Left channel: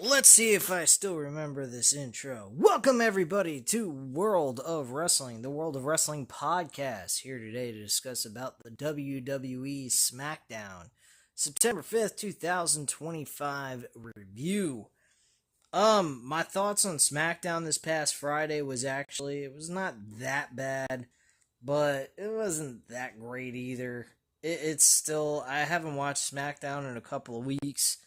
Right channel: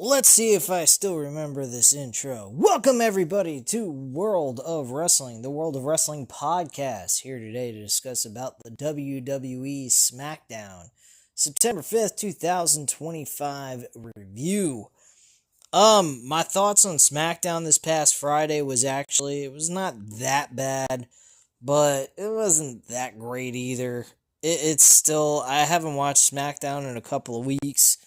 Let's see if I still remember this intro. Welcome, everybody, to World of Wrestling, the World of Wrestling podcast. Here today to discuss about the WWE Smackdown September 5th, 2025 review. My thoughts on Smackdown this past Friday was it was not that bad, but it wasn't that great either. It's still, I haven't watched Smackdown in a couple of weeks.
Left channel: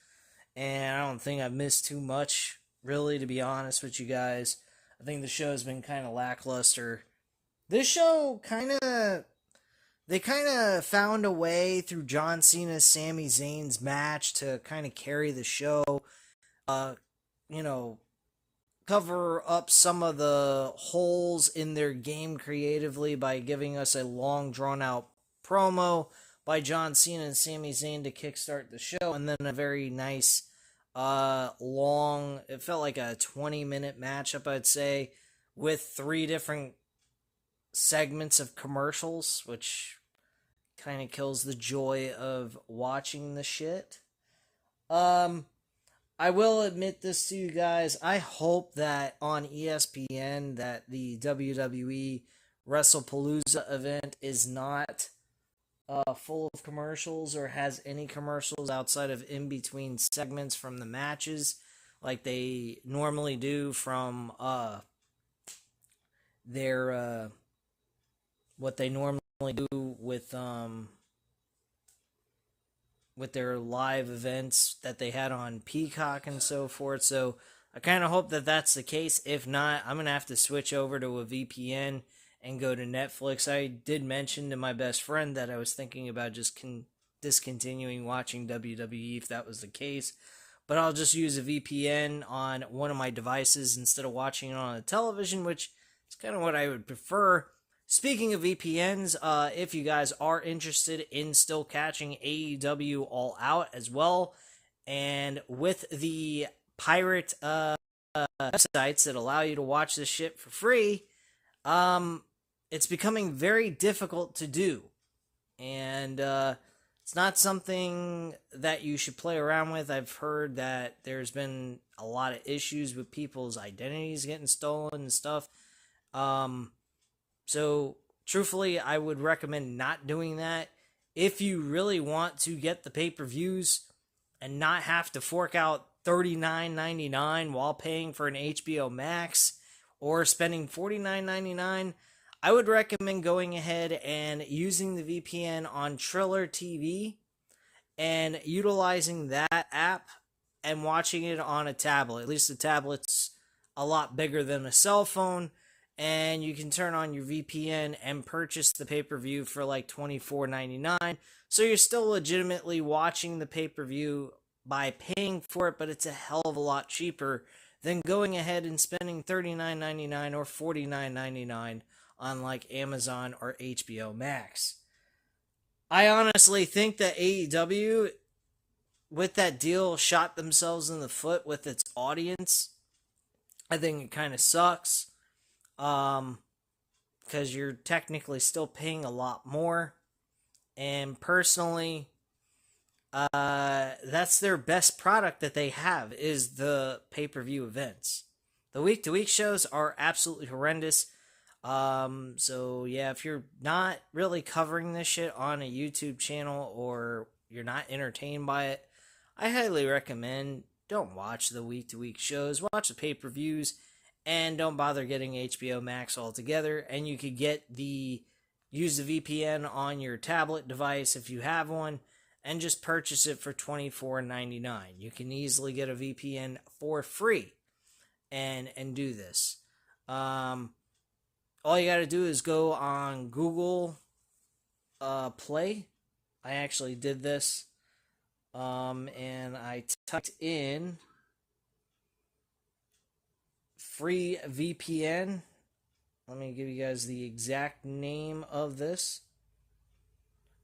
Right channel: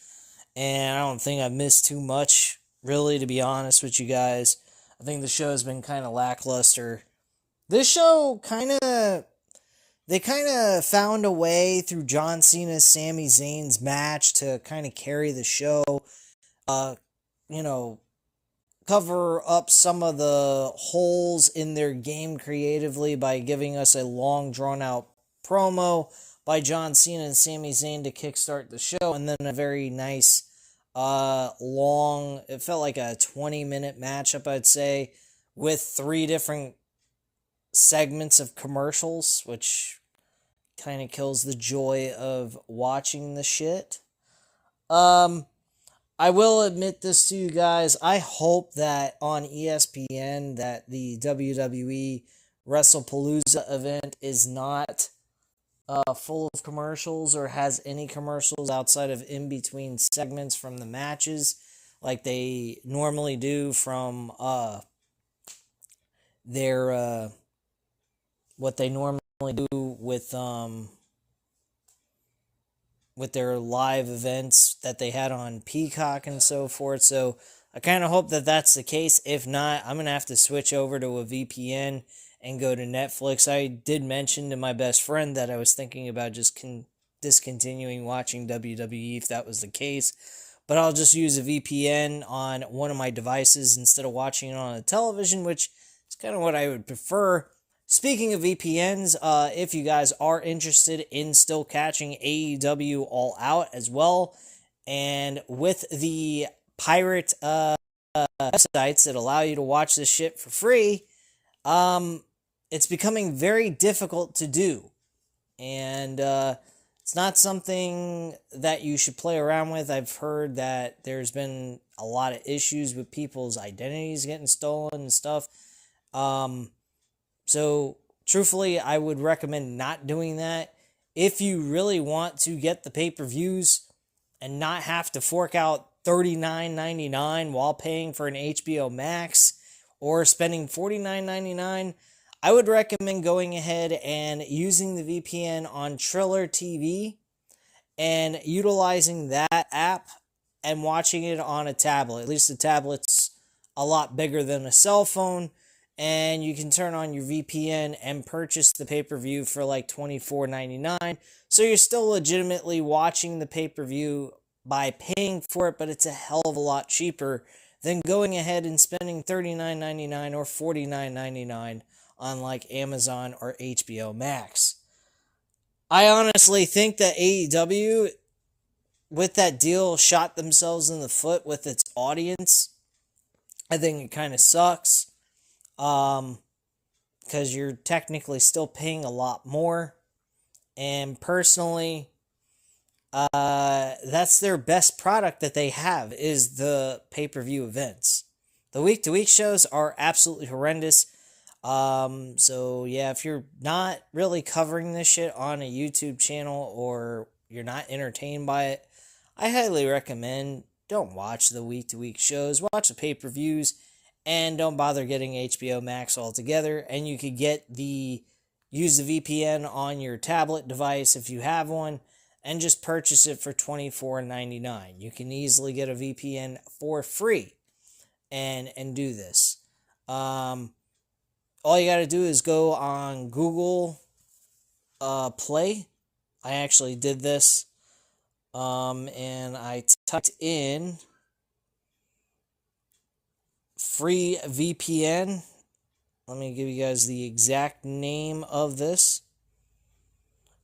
And I don't think I've missed too much, really, to be honest with you guys. I think the show's been kind of lackluster. This show they kind of found a way through John Cena's Sami Zayn's match to kind of carry the show, uh, you know, cover up some of the holes in their game creatively by giving us a long, drawn-out promo by John Cena and Sami Zayn to kickstart the show, and then a very nice, it felt like a 20-minute matchup, I'd say, with 3 different segments of commercials, which kind of kills the joy of watching the shit. I will admit this to you guys. I hope that on ESPN that the WWE WrestlePalooza event is not full of commercials or has any commercials outside of in-between segments from the matches like they normally do from their what they normally do with their live events that they had on Peacock and so forth. So I kind of hope that that's the case. If not, I'm going to have to switch over to a VPN and go to Netflix. I did mention to my best friend that I was thinking about just discontinuing watching WWE if that was the case. But I'll just use a VPN on one of my devices instead of watching it on a television, which is kind of what I would prefer. Speaking of VPNs, if you guys are interested in still catching AEW All Out as well, and with the pirate websites that allow you to watch this shit for free, it's becoming very difficult to do. And it's not something that you should play around with. I've heard that there's been a lot of issues with people's identities getting stolen and stuff. So, truthfully, I would recommend not doing that. If you really want to get the pay-per-views and not have to fork out $39.99 while paying for an HBO Max or spending $49.99, I would recommend going ahead and using the VPN on Triller TV and utilizing that app and watching it on a tablet. At least the tablet's a lot bigger than a cell phone. And you can turn on your VPN and purchase the pay-per-view for like $24.99. So you're still legitimately watching the pay-per-view by paying for it, but it's a hell of a lot cheaper than going ahead and spending $39.99 or $49.99 on like Amazon or HBO Max. I honestly think that AEW, with that deal, shot themselves in the foot with its audience. I think it kind of sucks. Because you're technically still paying a lot more. And personally, that's their best product that they have, is the pay-per-view events. The week-to-week shows are absolutely horrendous. So yeah, if you're not really covering this shit on a YouTube channel or you're not entertained by it, I highly recommend don't watch the week-to-week shows. Watch the pay-per-views. And don't bother getting HBO Max altogether. And you could use the VPN on your tablet device if you have one, and just purchase it for $24.99. You can easily get a VPN for free and do this. All you got to do is go on Google Play. I actually did this. And I typed in free VPN. Let me give you guys the exact name of this.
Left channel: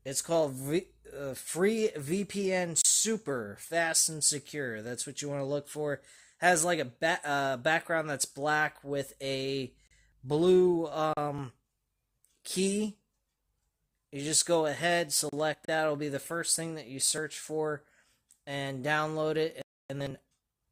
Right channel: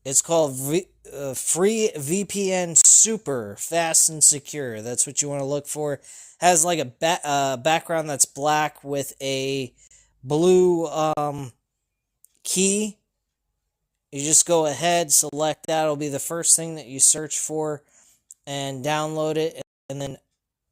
It's called Free VPN Super Fast and Secure. That's what you want to look for. Has like a background that's black with a blue key. You just go ahead, select that. It'll be the first thing that you search for, and download it, and then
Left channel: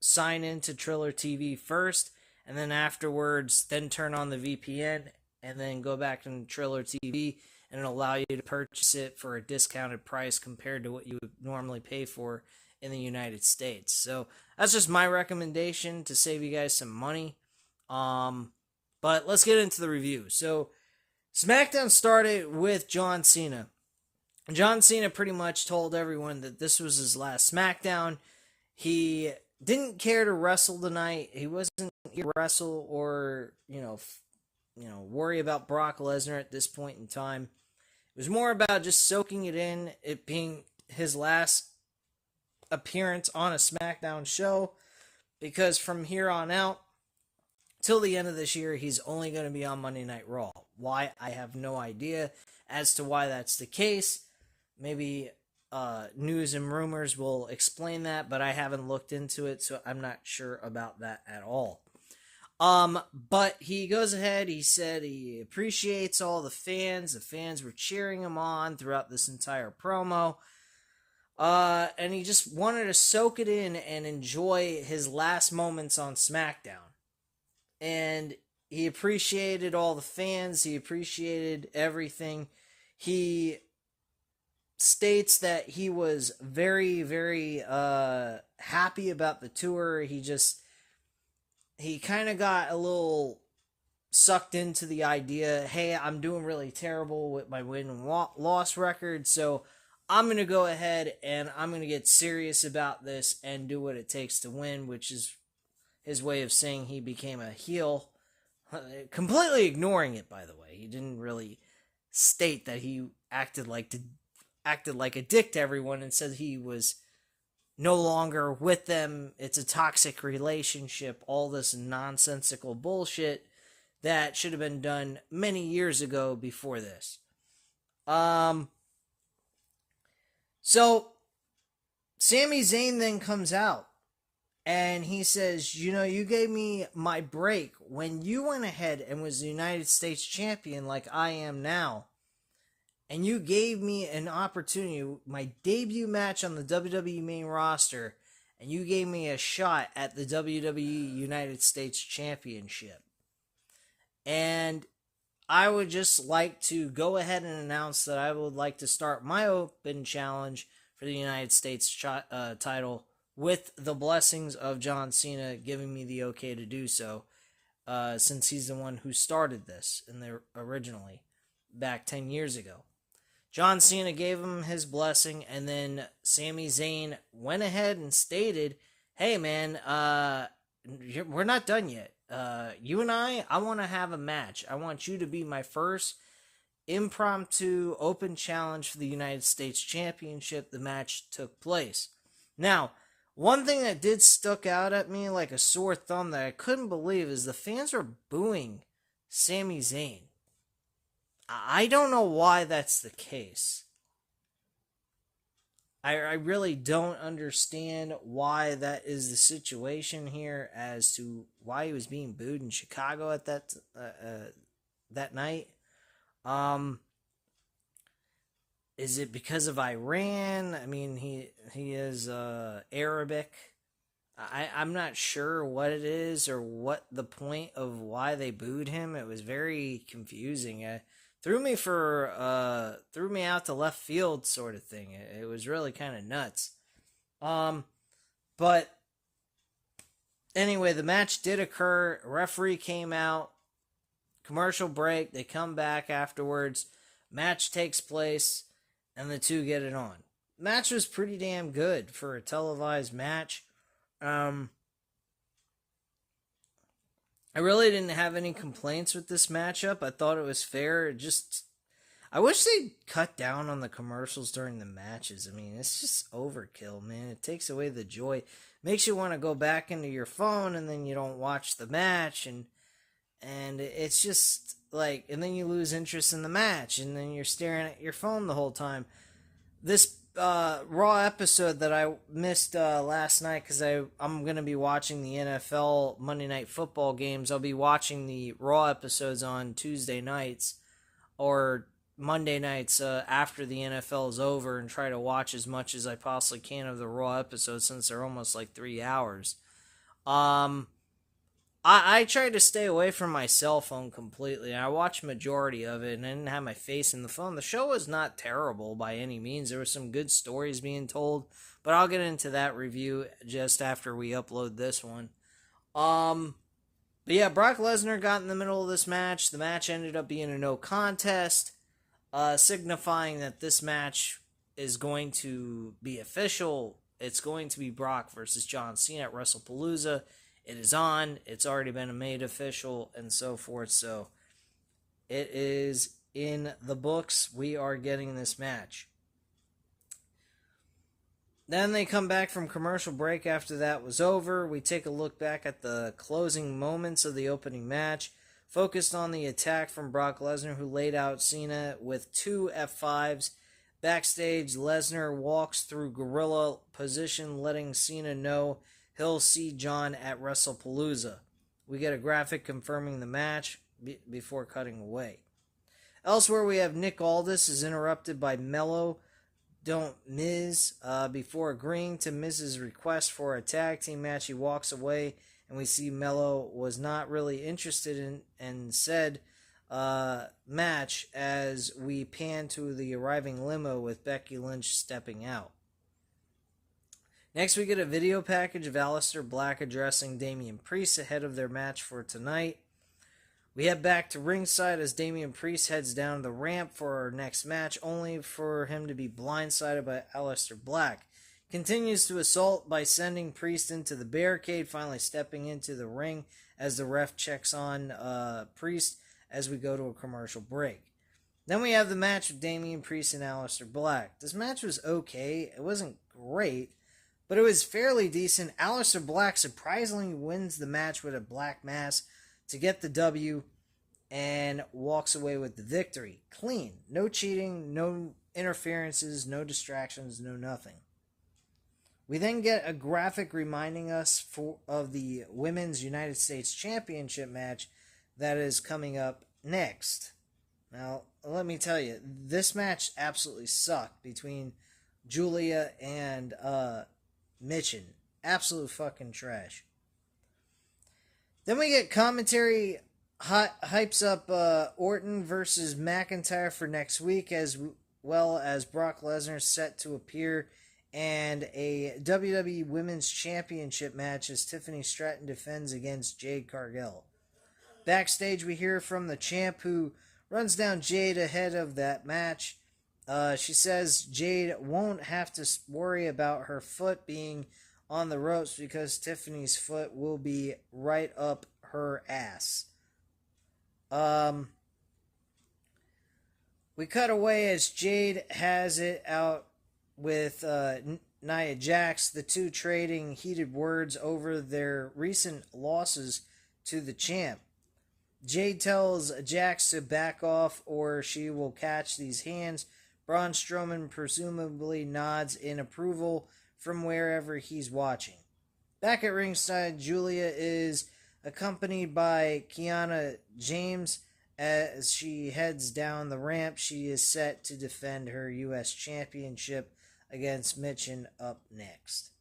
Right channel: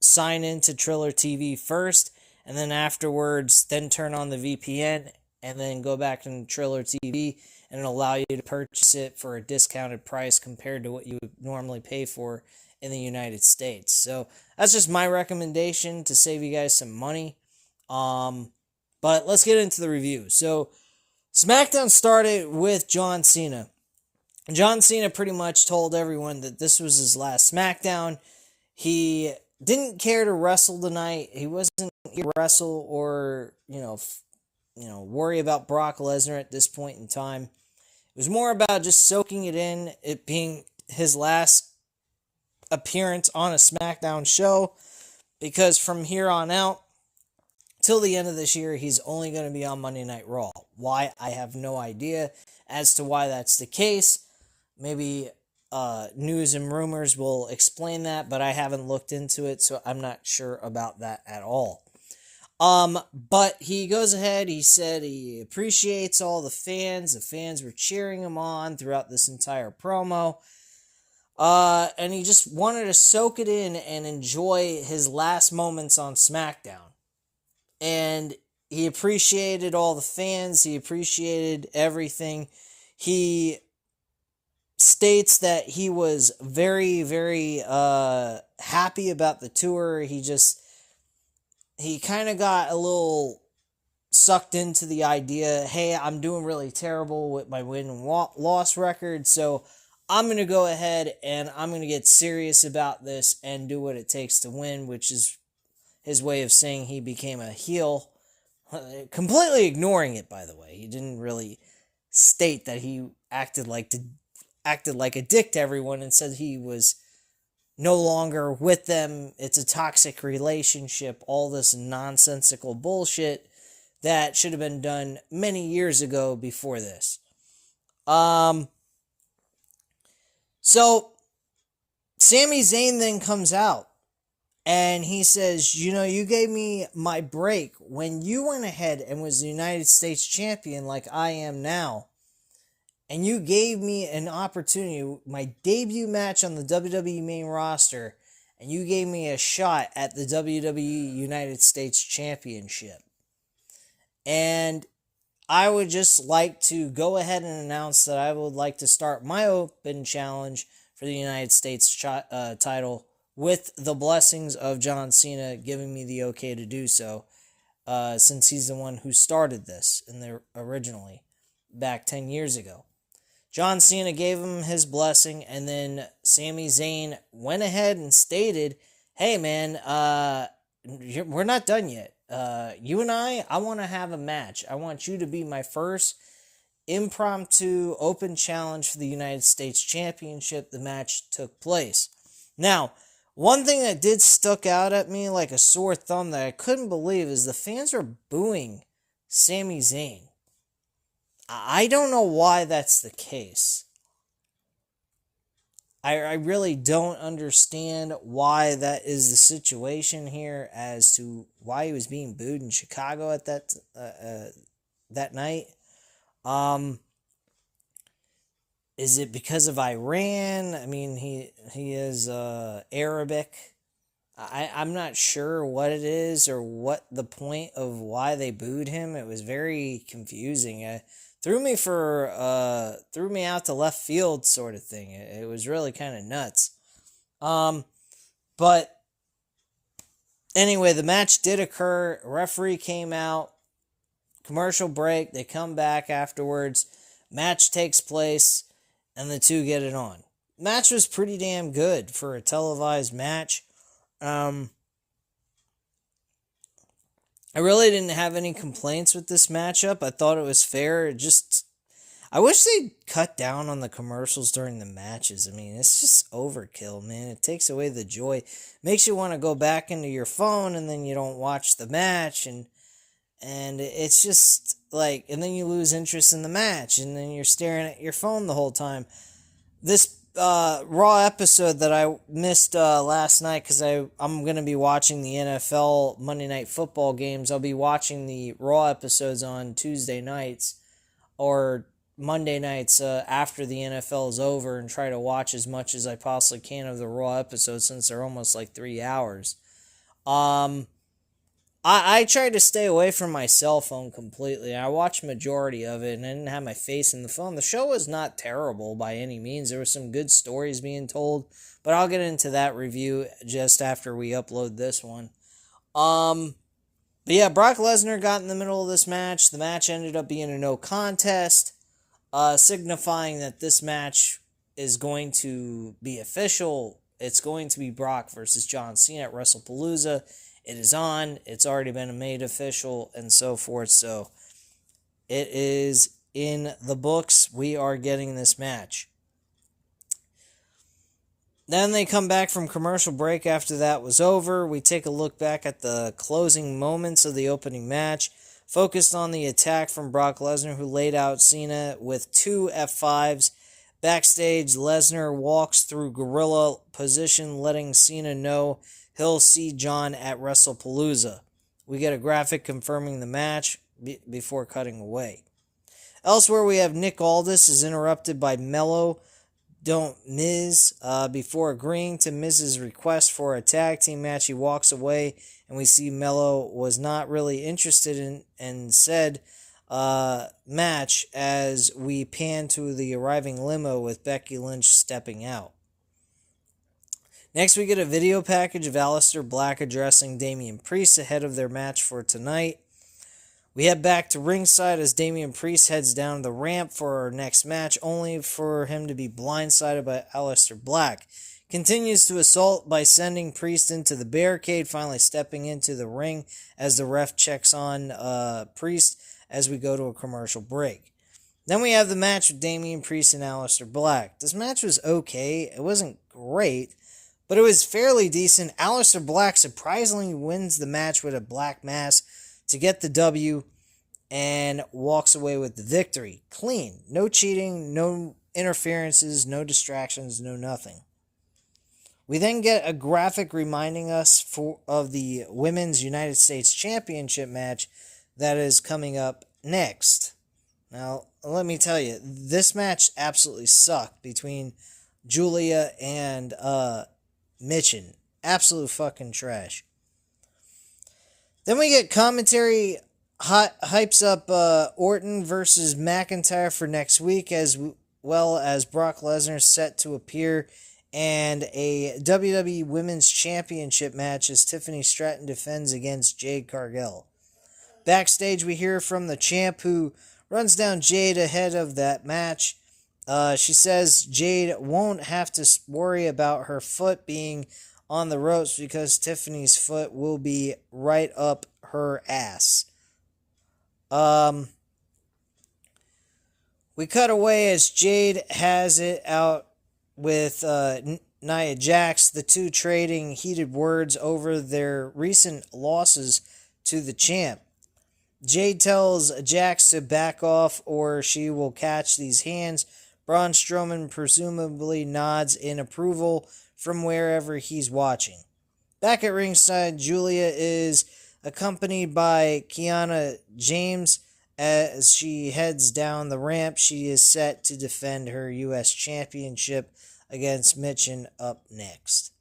sign into Triller TV first, and then afterwards, then turn on the VPN, and then go back into Triller TV, and it'll allow you to purchase it for a discounted price compared to what you would normally pay for in the United States. So that's just my recommendation to save you guys some money. But let's get into the review. So SmackDown started with John Cena. John Cena pretty much told everyone that this was his last SmackDown. He didn't care to wrestle tonight. He wasn't here to wrestle or, worry about Brock Lesnar at this point in time. It was more about just soaking it in, it being his last appearance on a SmackDown show, because from here on out, till the end of this year, he's only going to be on Monday Night Raw. Why? I have no idea as to why that's the case. Maybe news and rumors will explain that, but I haven't looked into it, so I'm not sure about that at all. But he goes ahead, he said he appreciates all the fans. The fans were cheering him on throughout this entire promo. And he just wanted to soak it in and enjoy his last moments on SmackDown. And he appreciated all the fans. He appreciated everything. He states that he was very, very happy about the tour. He kind of got a little sucked into the idea, hey, I'm doing really terrible with my win and loss record, so I'm going to go ahead and I'm going to get serious about this and do what it takes to win, which is his way of saying he became a heel. Completely ignoring it, by the way. He didn't really state that he acted like a dick to everyone and said he was no longer with them. It's a toxic relationship. All this nonsensical bullshit that should have been done many years ago before this. So Sami Zayn then comes out and he says, you gave me my break when you went ahead and was the United States champion like I am now. And you gave me an opportunity, my debut match on the WWE main roster, and you gave me a shot at the WWE United States Championship. And I would just like to go ahead and announce that I would like to start my open challenge for the United States title with the blessings of John Cena giving me the okay to do so, since he's the one who started this originally, back 10 years ago. John Cena gave him his blessing, and then Sami Zayn went ahead and stated, hey man, we're not done yet. You and I want to have a match. I want you to be my first impromptu open challenge for the United States Championship. The match took place. Now, one thing that did stuck out at me like a sore thumb that I couldn't believe is the fans were booing Sami Zayn. I don't know why that's the case. I really don't understand why that is the situation here as to why he was being booed in Chicago at that night. Is it because of Iran? I mean, he is Arabic. I'm not sure what it is or what the point of why they booed him. It was very confusing. Threw me out to left field sort of thing. It was really kind of nuts. But anyway, the match did occur. Referee came out. Commercial break. They come back afterwards. Match takes place, and the two get it on. Match was pretty damn good for a televised match. I really didn't have any complaints with this matchup. I thought it was fair. I wish they'd cut down on the commercials during the matches. I mean, it's just overkill, man. It takes away the joy. Makes you want to go back into your phone, and then you don't watch the match, and it's just like, and then you lose interest in the match, and then you're staring at your phone the whole time. This Raw episode that I missed last night, because I'm going to be watching the NFL Monday Night Football games. I'll be watching the Raw episodes on Tuesday nights or Monday nights after the NFL is over, and try to watch as much as I possibly can of the Raw episodes, since they're almost like 3 hours. I tried to stay away from my cell phone completely. I watched majority of it and I didn't have my face in the phone. The show was not terrible by any means. There were some good stories being told, but I'll get into that review just after we upload this one. But yeah, Brock Lesnar got in the middle of this match. The match ended up being a no contest, signifying that this match is going to be official. It's going to be Brock versus John Cena at WrestlePalooza. It is on. It's already been made official and so forth. So it is in the books. We are getting this match. Then they come back from commercial break after that was over. We take a look back at the closing moments of the opening match, focused on the attack from Brock Lesnar, who laid out Cena with 2 F5s. Backstage, Lesnar walks through gorilla position, letting Cena know he'll see John at WrestlePalooza. We get a graphic confirming the match before cutting away. Elsewhere, we have Nick Aldis is interrupted by Mello Don't Miz. Before agreeing to Miz's request for a tag team match, he walks away, and we see Mello was not really interested in said match as we pan to the arriving limo with Becky Lynch stepping out. Next, we get a video package of Aleister Black addressing Damian Priest ahead of their match for tonight. We head back to ringside as Damian Priest heads down the ramp for our next match, only for him to be blindsided by Aleister Black. Continues to assault by sending Priest into the barricade, finally stepping into the ring as the ref checks on Priest as we go to a commercial break. Then we have the match with Damian Priest and Aleister Black. This match was okay. It wasn't great, but it was fairly decent. Aleister Black surprisingly wins the match with a black mass to get the W and walks away with the victory. Clean. No cheating, no interferences, no distractions, no nothing. We then get a graphic reminding us of the Women's United States Championship match that is coming up next. Now, let me tell you, this match absolutely sucked between Julia and Mitchin. Absolute fucking trash. Then we get commentary hypes up Orton versus McIntyre for next week, as well as Brock Lesnar set to appear, and a WWE Women's Championship match as Tiffany Stratton defends against Jade Cargill. Backstage, we hear from the champ, who runs down Jade ahead of that match. She says Jade won't have to worry about her foot being on the ropes because Tiffany's foot will be right up her ass. We cut away as Jade has it out with Nia Jax, the two trading heated words over their recent losses to the champ. Jade tells Jax to back off or she will catch these hands. Braun Strowman presumably nods in approval from wherever he's watching. Back at ringside, Julia is accompanied by Kiana James as she heads down the ramp. She is set to defend her U.S. Championship against Mitchin up next.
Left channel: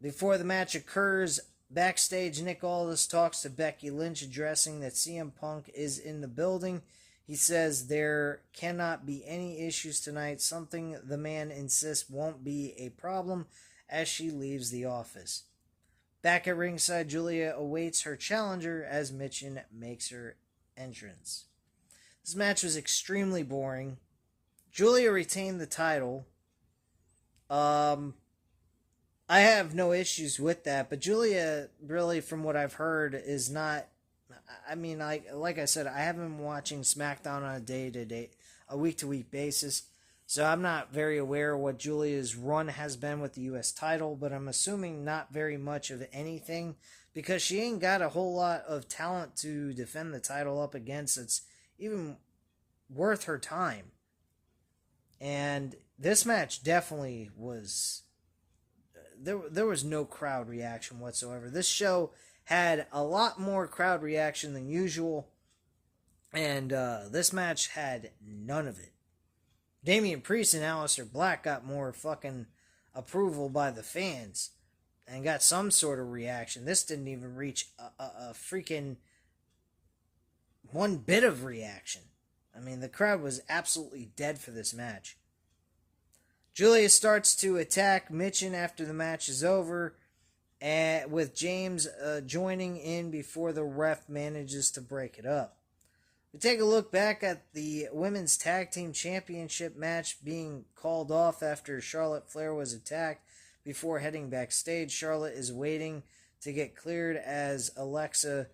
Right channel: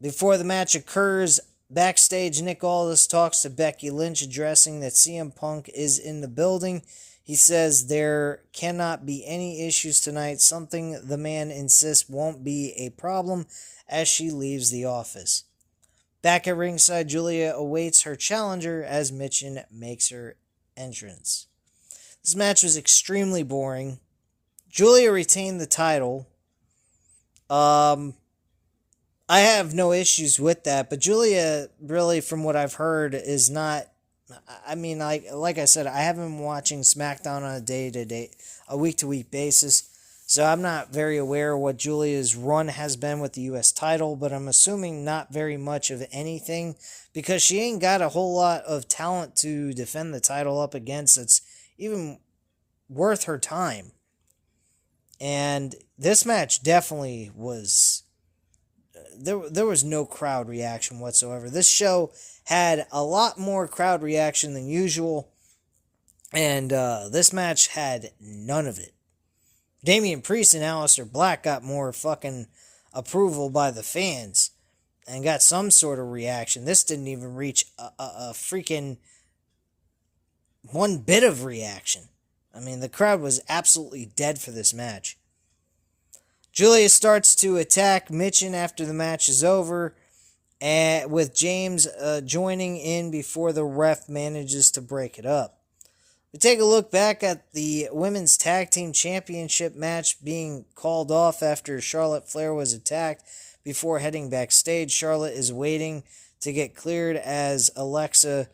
Before the match occurs, backstage, Nick Aldis talks to Becky Lynch, addressing that CM Punk is in the building. He says there cannot be any issues tonight, something the man insists won't be a problem as she leaves the office. Back at ringside, Julia awaits her challenger as Mitchin makes her entrance. This match was extremely boring. Julia retained the title. I have no issues with that, but Julia, really, from what I've heard, is not... I mean, like I said, I haven't been watching SmackDown on a week-to-week basis, so I'm not very aware of what Julia's run has been with the U.S. title, but I'm assuming not very much of anything, because she ain't got a whole lot of talent to defend the title up against that's even worth her time. And this match definitely was... There was no crowd reaction whatsoever. This show had a lot more crowd reaction than usual, and this match had none of it. Damian Priest and Aleister Black got more fucking approval by the fans. and got some sort of reaction. This didn't even reach a freaking one bit of reaction. I mean, the crowd was absolutely dead for this match. Julia starts to attack Mitchin after the match is over, and with James joining in before the ref manages to break it up. We take a look back at the Women's Tag Team Championship match being called off after Charlotte Flair was attacked. Before heading backstage, Charlotte is waiting to get cleared as Alexa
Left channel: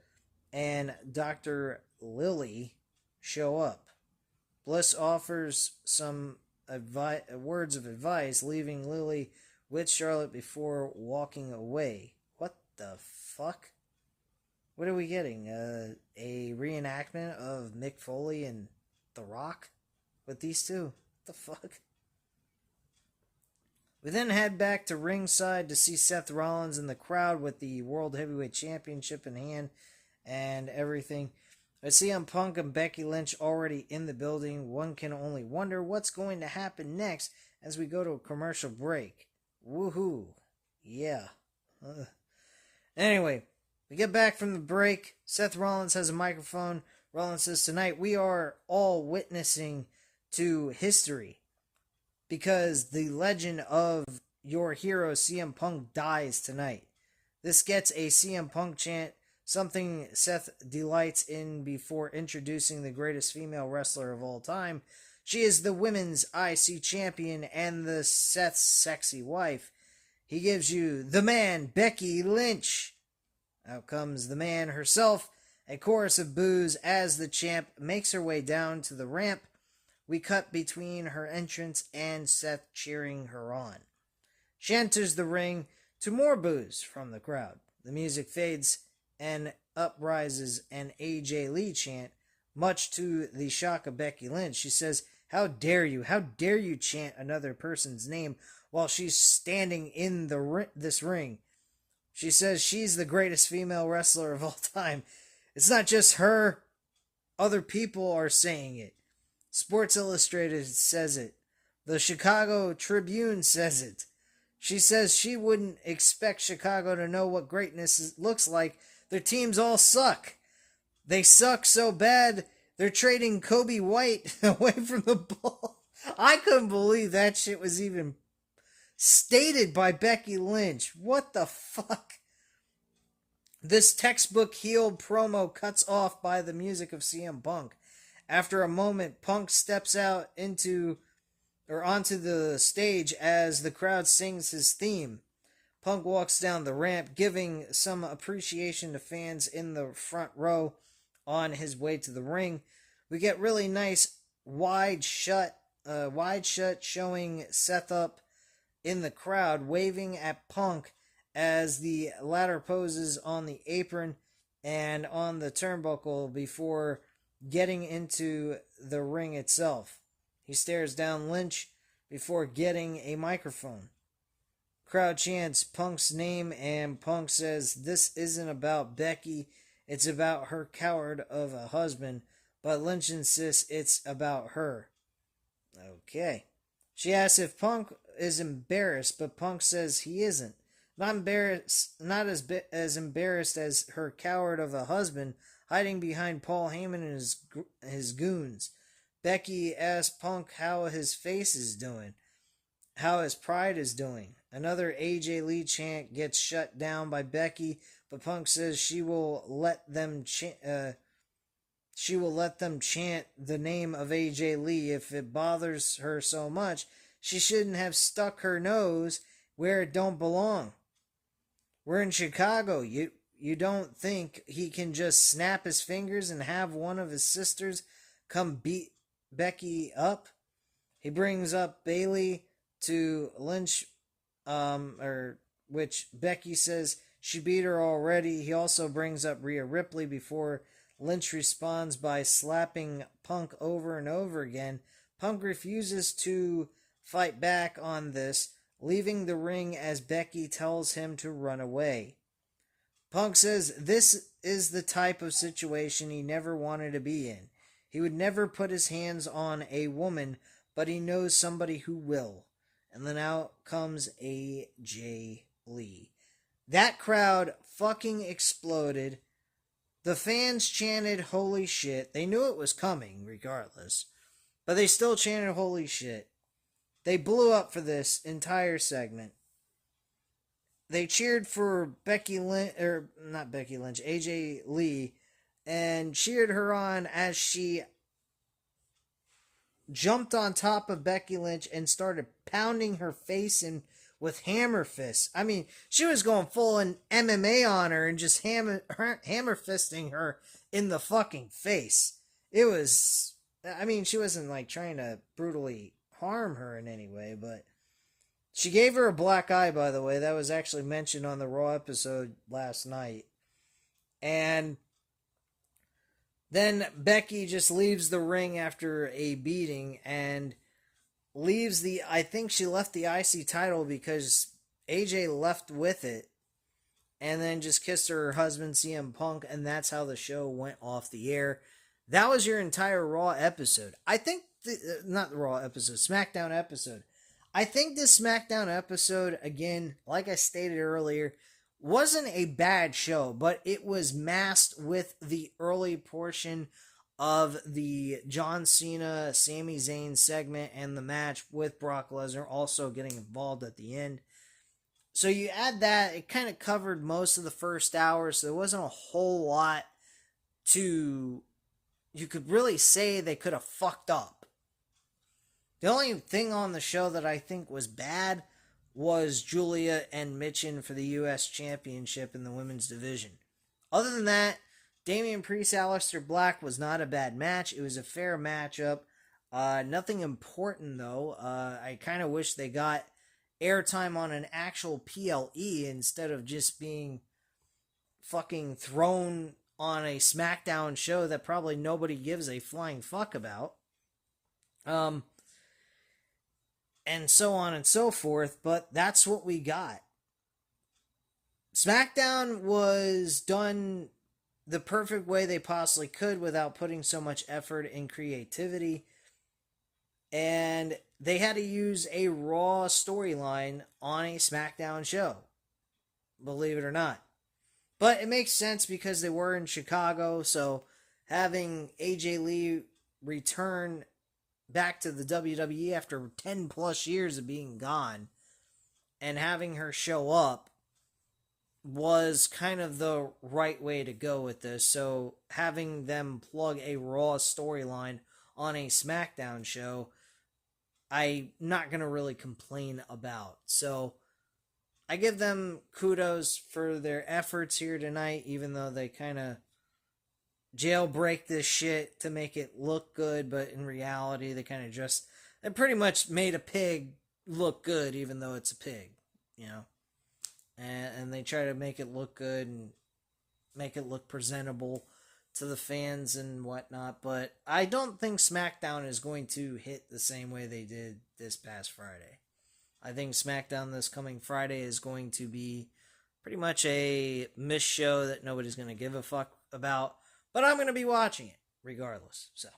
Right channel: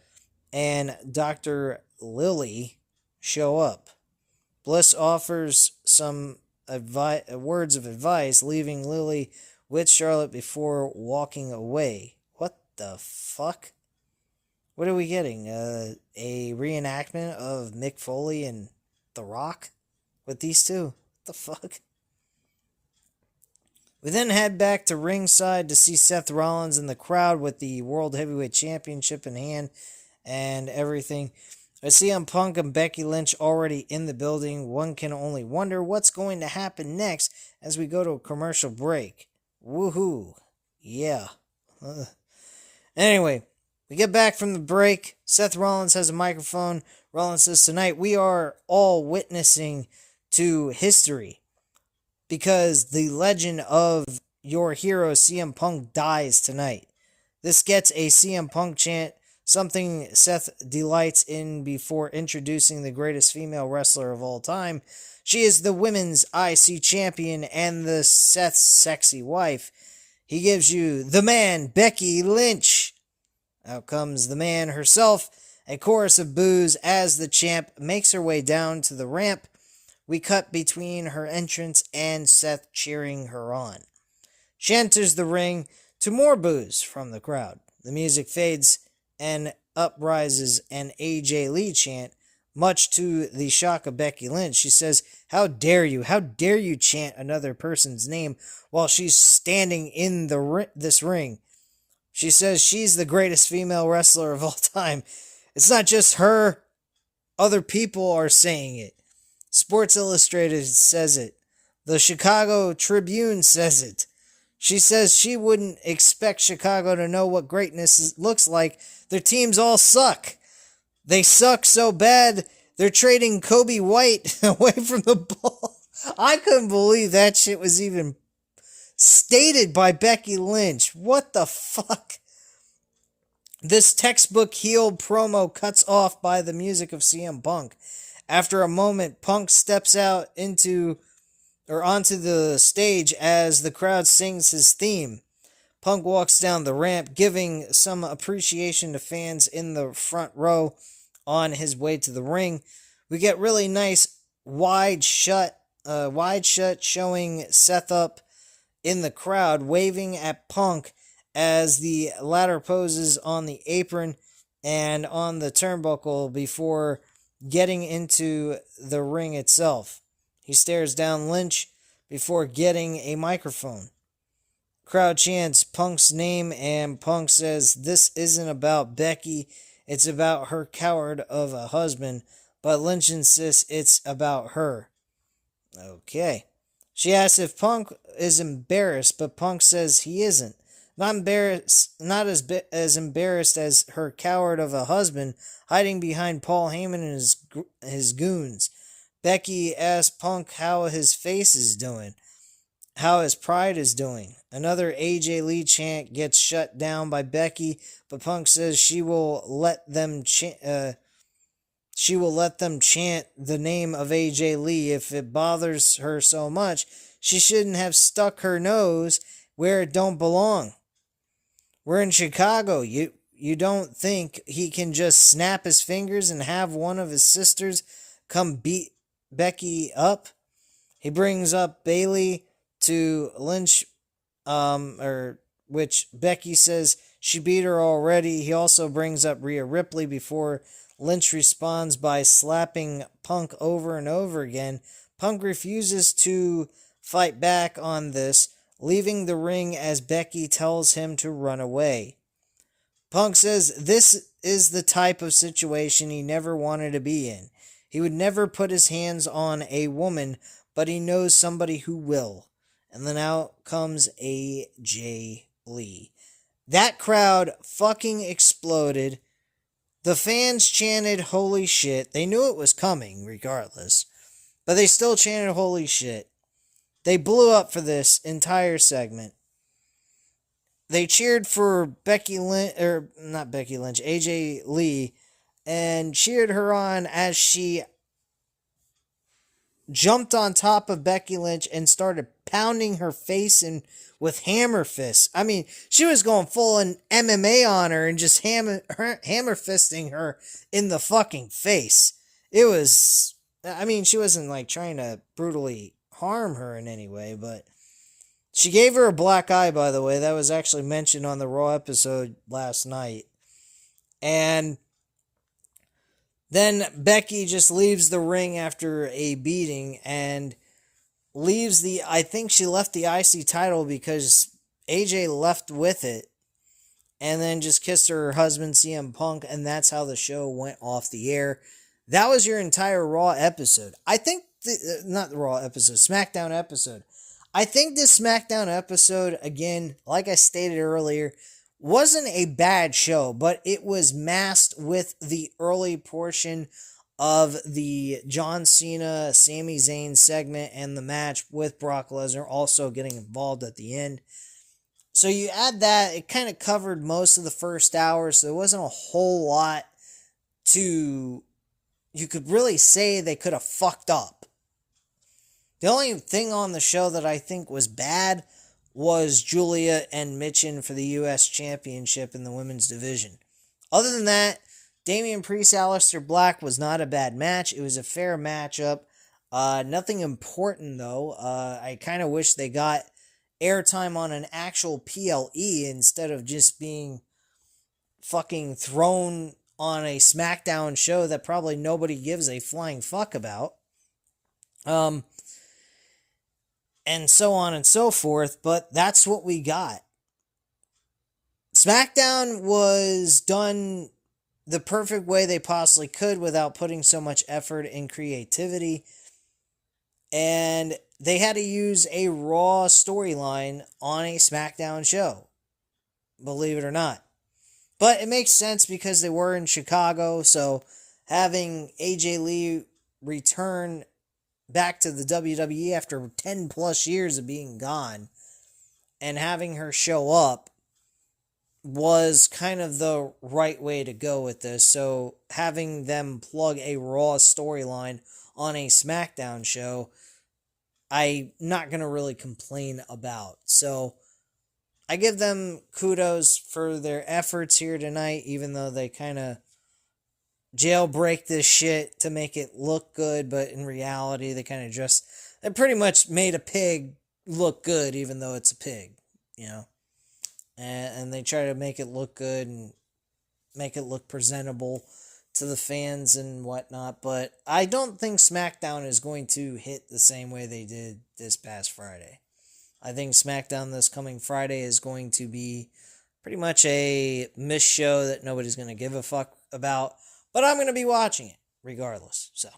and Dr. Lily show up. Bliss offers some words of advice, leaving Lily with Charlotte before walking away. What the fuck? What are we getting? A reenactment of Mick Foley and The Rock with these two? What the fuck? We then head back to ringside to see Seth Rollins in the crowd with the World Heavyweight Championship in hand and everything. I see Punk and Becky Lynch already in the building. One can only wonder what's going to happen next as we go to a commercial break. Woohoo. Yeah. Anyway, we get back from the break. Seth Rollins has a microphone. Rollins says, tonight we are all witnessing to history because the legend of your hero CM Punk dies tonight. This gets a CM Punk chant, something Seth delights in before introducing the greatest female wrestler of all time. She is the women's IC champion and the Seth's sexy wife. He gives you the man, Becky Lynch. Out comes the man herself. A chorus of boos as the champ makes her way down to the ramp. We cut between her entrance and Seth cheering her on. She enters the ring to more boos from the crowd. The music fades and up rises an AJ Lee chant, much to the shock of Becky Lynch. She says, how dare you chant another person's name while she's standing in this ring. She says she's the greatest female wrestler of all time. It's not just her. Other people are saying it. Sports Illustrated says it. The Chicago Tribune says it. She says she wouldn't expect Chicago to know what greatness looks like. Their teams all suck. They suck so bad, they're trading Kobe White away from the ball. I couldn't believe that shit was even stated by Becky Lynch. What the fuck? This textbook heel promo cuts off by the music of CM Punk. After a moment, Punk steps out onto the stage as the crowd sings his theme. Punk walks down the ramp, giving some appreciation to fans in the front row on his way to the ring. We get really nice wide shot showing Seth up in the crowd, waving at Punk as the latter poses on the apron and on the turnbuckle before getting into the ring itself. He stares down Lynch before getting a microphone. Crowd chants Punk's name and Punk says, this isn't about Becky, it's about her coward of a husband, but Lynch insists it's about her. Okay. She asks if Punk is embarrassed, but Punk says he isn't. Not as embarrassed as her coward of a husband hiding behind Paul Heyman and his goons. Becky asks Punk how his face is doing, how his pride is doing. Another AJ Lee chant gets shut down by Becky, but Punk says she will let them chant the name of AJ Lee if it bothers her so much. She shouldn't have stuck her nose where it don't belong. We're in Chicago. You don't think he can just snap his fingers and have one of his sisters come beat Becky up? He brings up Bailey to Lynch, which Becky says she beat her already. He also brings up Rhea Ripley before Lynch responds by slapping Punk over and over again. Punk refuses to fight back on this, leaving the ring as Becky tells him to run away. Punk says this is the type of situation he never wanted to be in. He would never put his hands on a woman, but he knows somebody who will. And then out comes AJ Lee. That crowd fucking exploded. The fans chanted, "Holy shit." They knew it was coming, regardless. But they still chanted, "Holy shit." They blew up for this entire segment. They cheered for Becky Lynch, or not Becky Lynch, AJ Lee, and cheered her on as she jumped on top of Becky Lynch and started pounding her face in with hammer fists. I mean, she was going full in MMA on her and just hammer fisting her in the fucking face. It was, I mean, she wasn't like trying to brutally harm her in any way, but she gave her a black eye, by the way. That was actually mentioned on the Raw episode last night. And then Becky just leaves the ring after a beating and leaves I think she left the IC title because AJ left with it and then just kissed her husband CM Punk, and that's how the show went off the air. That was your entire Raw episode. I think, not the Raw episode, SmackDown episode. I think this SmackDown episode, again, like I stated earlier, wasn't a bad show, but it was masked with the early portion of the John Cena, Sami Zayn segment and the match with Brock Lesnar also getting involved at the end. So you add that, it kind of covered most of the first hour, so there wasn't a whole lot you could really say they could have fucked up. The only thing on the show that I think was bad was Julia and Mitchin for the U.S. Championship in the women's division. Other than that, Damian Priest, Aleister Black was not a bad match. It was a fair matchup. Nothing important, though. I kind of wish they got airtime on an actual PLE instead of just being fucking thrown on a SmackDown show that probably nobody gives a flying fuck about. And so on and so forth, but that's what we got. SmackDown was done the perfect way they possibly could without putting so much effort and creativity. And they had to use a Raw storyline on a SmackDown show, believe it or not. But it makes sense because they were in Chicago, so having AJ Lee return back to the WWE after 10 plus years of being gone and having her show up was kind of the right way to go with this. So having them plug a Raw storyline on a SmackDown show, I'm not going to really complain about. So I give them kudos for their efforts here tonight, even though they kind of jailbreak this shit to make it look good, but in reality, they pretty much made a pig look good, even though it's a pig, you know? And they try to make it look good and make it look presentable to the fans and whatnot, but I don't think SmackDown is going to hit the same way they did this past Friday. I think SmackDown this coming Friday is going to be pretty much a missed show that nobody's going to give a fuck about, but I'm going to be watching it regardless, so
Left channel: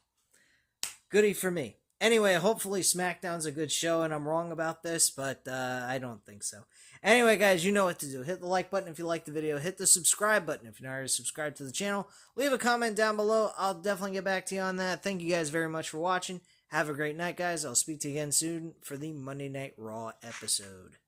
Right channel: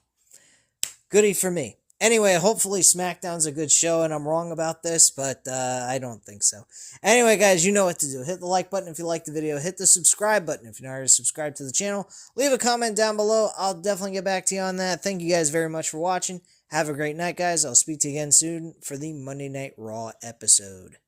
goody for me. Anyway, hopefully SmackDown's a good show, and I'm wrong about this, but I don't think so. Anyway, guys, you know what to do. Hit the like button if you like the video. Hit the subscribe button if you're not already subscribed to the channel. Leave a comment down below. I'll definitely get back to you on that. Thank you guys very much for watching. Have a great night, guys. I'll speak to you again soon for the Monday Night Raw episode.